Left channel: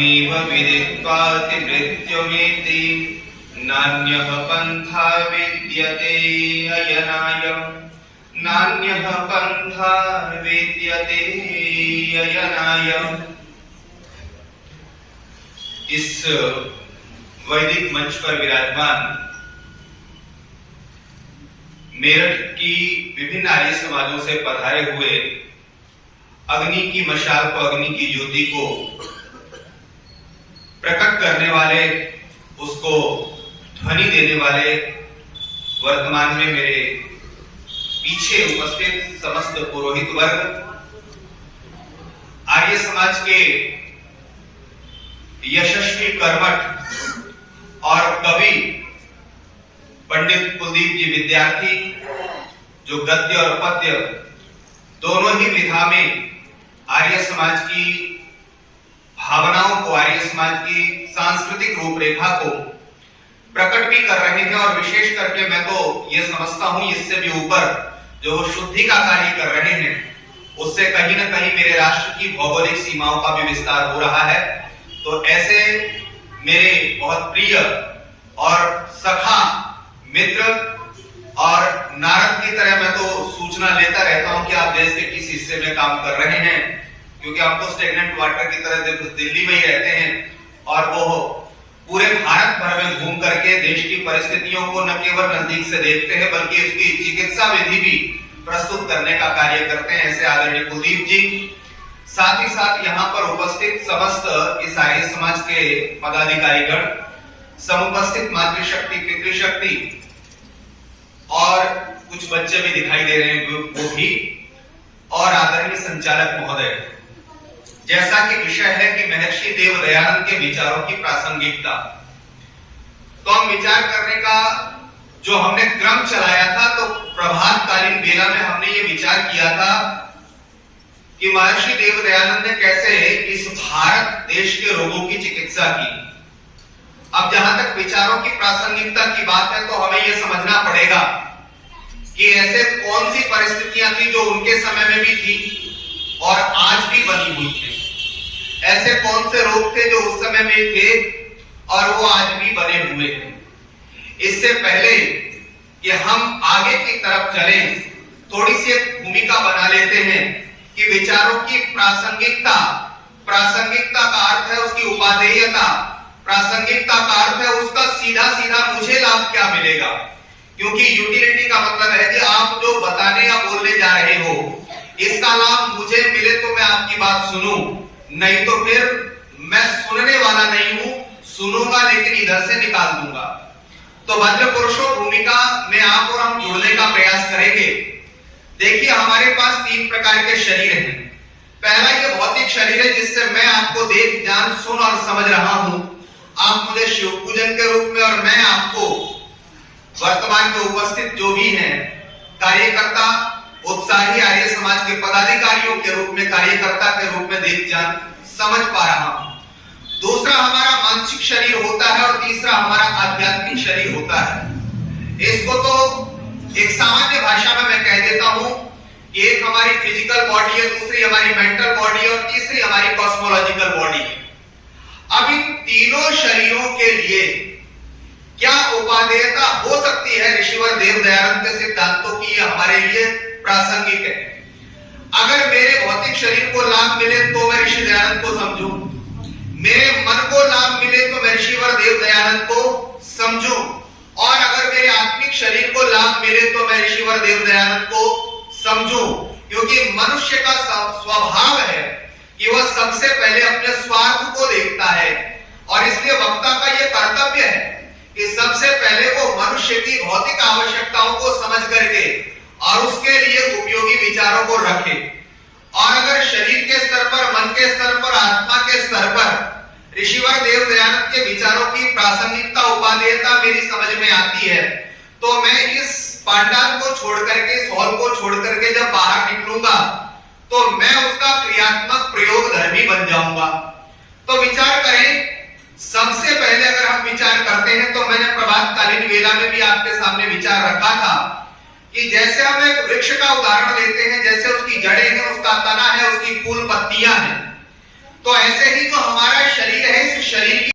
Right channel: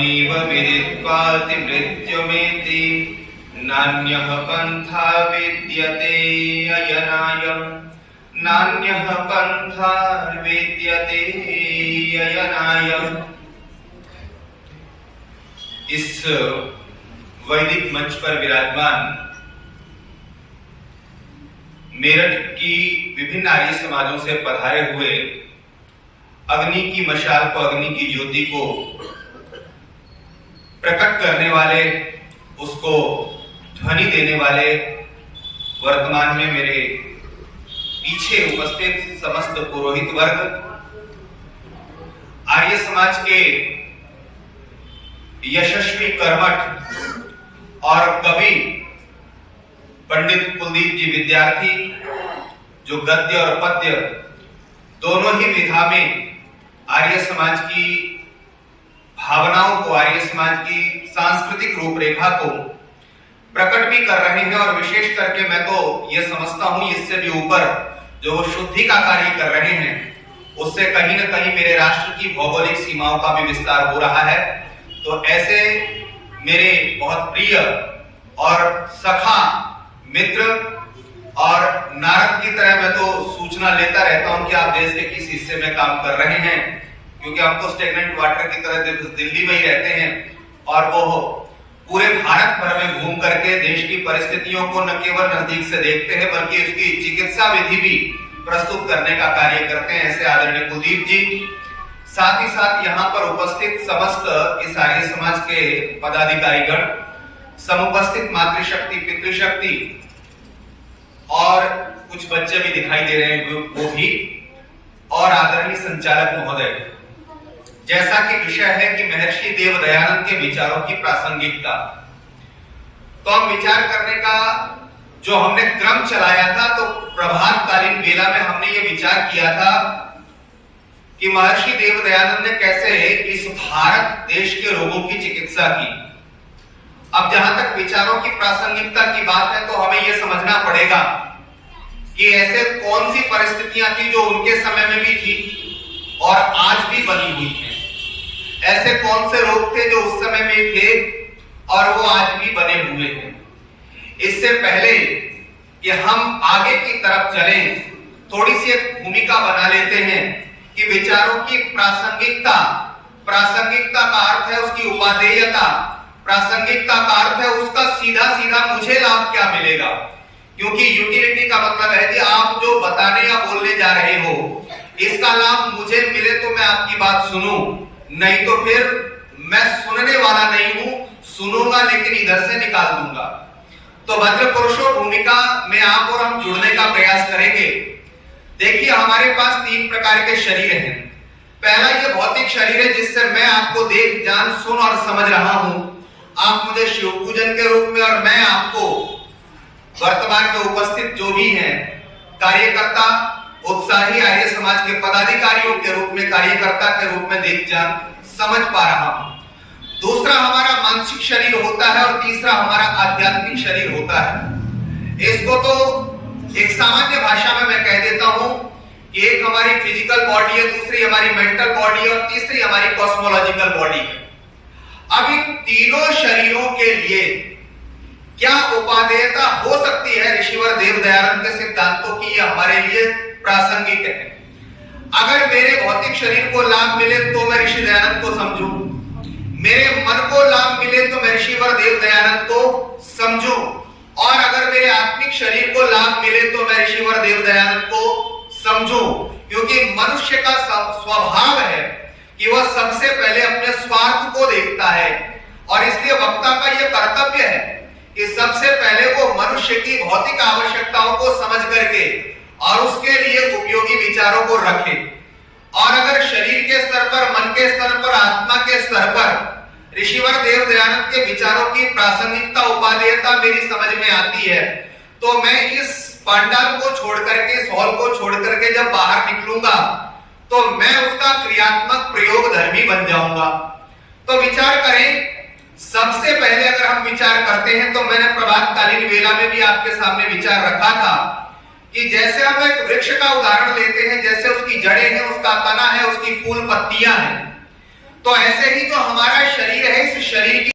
तमेव विदित्वाति मृत्युमेति नान्यः पन्था विद्यते अयनाय नान्यः पन्था विद्यते अयनाय। इस वैदिक मंच पर विराजमान मेरठ की विभिन्न आर्य समाजों से पधारे हुए अग्नि की मशाल को, अग्नि की ज्योति को प्रकट करने वाले, उसको ध्वनि देने वाले, वर्तमान में मेरे पीछे उपस्थित समस्त पुरोहित वर्ग, आर्य समाज के यशस्वी कर्मठ और कवि पंडित कुलदीप जी विद्यार्थी, जो गद्य और पद्य दोनों ही विधा में आर्य समाज की भावनाओं को, आर्य समाज की सांस्कृतिक रूपरेखा को प्रकट भी कर रहे हैं, और विशेष करके मैं तो यह समझता हूं इससे भी ऊपर जो वो शुद्धि का कार्य कर रहे हैं, उससे कहीं ना कहीं मेरे राष्ट्र की भौगोलिक सीमाओं का भी विस्तार हो रहा है। तो ऐसे मेरे बहुत प्रिय और सखा मित्र और नारद की तरह मैं तो सूचना लेता रहता हूं कि आप देश के किस हिस्से में काम कर रहे हैं, क्योंकि हम तो स्टेगनेंट वाटर की तरह दिल्ली में ही रहते हैं, और वो पूरे भारत भर में घूम करके देश की परिस्थितियों को न केवल नजदीक से देखते हैं बल्कि उसकी चिकित्सा विधि भी प्रस्तुत करने का कार्य करते हैं, ऐसे आदरणीय कुलदीप जी। साथ ही साथ यहाँ पर उपस्थित समस्त इस आर्य समाज के पदाधिकारीगण, समुपस्थित मातृशक्ति, पितृशक्ति और कुछ बच्चे भी दिखाई दे रहे हैं वो भी, और आदरणीय संचालक महोदय। जैसा कि विषय है कि महर्षि देव दयानंद के विचारों की प्रासंगिकता, तो हम विचार करने का जो हमने क्रम चलाया था, तो प्रभातकालीन वेला में हमने ये विचार किया था कि महर्षि देव दयानंद ने कैसे इस भारत देश के रोगों की चिकित्सा की। अब जहां तक विचारों की प्रासंगिकता की बात है, तो हमें यह समझना पड़ेगा कि ऐसे कौन सी परिस्थितियां थी जो उनके समय में भी थी और आज भी बनी हुई है। ऐसे कौन से रोग थे जो उस समय में थे और वो आज भी बने हुए हैं। इससे पहले कि हम आगे की तरफ चलें, थोड़ी सी एक भूमिका बना लेते हैं कि विचारों की प्रासंगिकता, प्रासंगिकता का अर्थ है उसकी उपादेयता, प्रासंगिकता का अर्थ है उसका सीधा सीधा मुझे लाभ क्या मिलेगा, क्योंकि यूटिलिटी का मतलब है कि आप जो बताने या बोलने जा रहे हो इसका लाभ मुझे मिले तो मैं आपकी बात सुनूं, नहीं तो फिर मैं सुनने वाला नहीं हूं, सुनूंगा लेकिन इधर से निकाल दूंगा। तो भद्र पुरुषों भूमिका में आप और हम जुड़ने का प्रयास करेंगे। देखिए, हमारे पास 3 प्रकार के शरीर हैं। पहला ये भौतिक शरीर है जिससे मैं आपको देख, जान, सुन और समझ रहा हूं। आप मुझे शिव पूजन के रूप में और मैं आपको वर्तमान में उपस्थित जो भी हैं कार्यकर्ता, उत्साही आर्य समाज के पदाधिकारियों के रूप में, कार्यकर्ता के रूप में देख, जान, समझ पा रहा हूं। दूसरा हमारा मानसिक शरीर होता है और तीसरा हमारा आध्यात्मिक शरीर होता है। इसको तो एक सामान्य भाषा में मैं कह देता हूं कि एक हमारी फिजिकल बॉडी है, दूसरी हमारी मेंटल बॉडी है और तीसरी हमारी कॉस्मोलॉजिकल बॉडी है। अब इन तीनों शरीरों के लिए क्या उपादेयता हो सकती है ऋषिवर देव दयानंद के सिद्धांतों की, यह हमारे लिए प्रासंगिक है। अगर मेरे भौतिक शरीर को लाभ मिले तो मैं ऋषि दयानंद को समझूं, मेरे मन को लाभ मिले तो मैं ऋषिवर देव दयानंद को समझूं, और अगर मेरे आत्मिक शरीर को लाभ मिले तो मैं ऋषिवर देव दयानंद को समझूं, क्योंकि मनुष्य का स्वभाव है कि वह सबसे पहले अपने स्वार्थ को देखता है, और इसलिए वक्ता का यह कर्तव्य है कि सबसे पहले वो मनुष्य की भौतिक आवश्यकताओं को समझ करके और उसके लिए उपयोगी विचारों को रखे। और अगर शरीर के स्तर पर, मन के स्तर पर, आत्मा के स्तर पर ऋषिवर देव दयानंद के विचारों की प्रासंगिकता, उपादेयता मेरी समझ में आती है, तो मैं इस पांडाल को छोड़ करके, इस हॉल को छोड़ करके जब बाहर निकलूंगा तो मैं उसका क्रियात्मक प्रयोग धर्मी बन जाऊंगा। तो विचार करें, सबसे पहले अगर हम विचार करते हैं तो मैंने प्रभातकालीन वेला में भी आपके सामने विचार रखा था कि जैसे हम एक वृक्ष का उदाहरण लेते हैं, जैसे उसकी जड़ें हैं, उसका तना है, उसकी फूल पत्तियां हैं, तो ऐसे ही तो हमारा शरीर है, इस शरीर की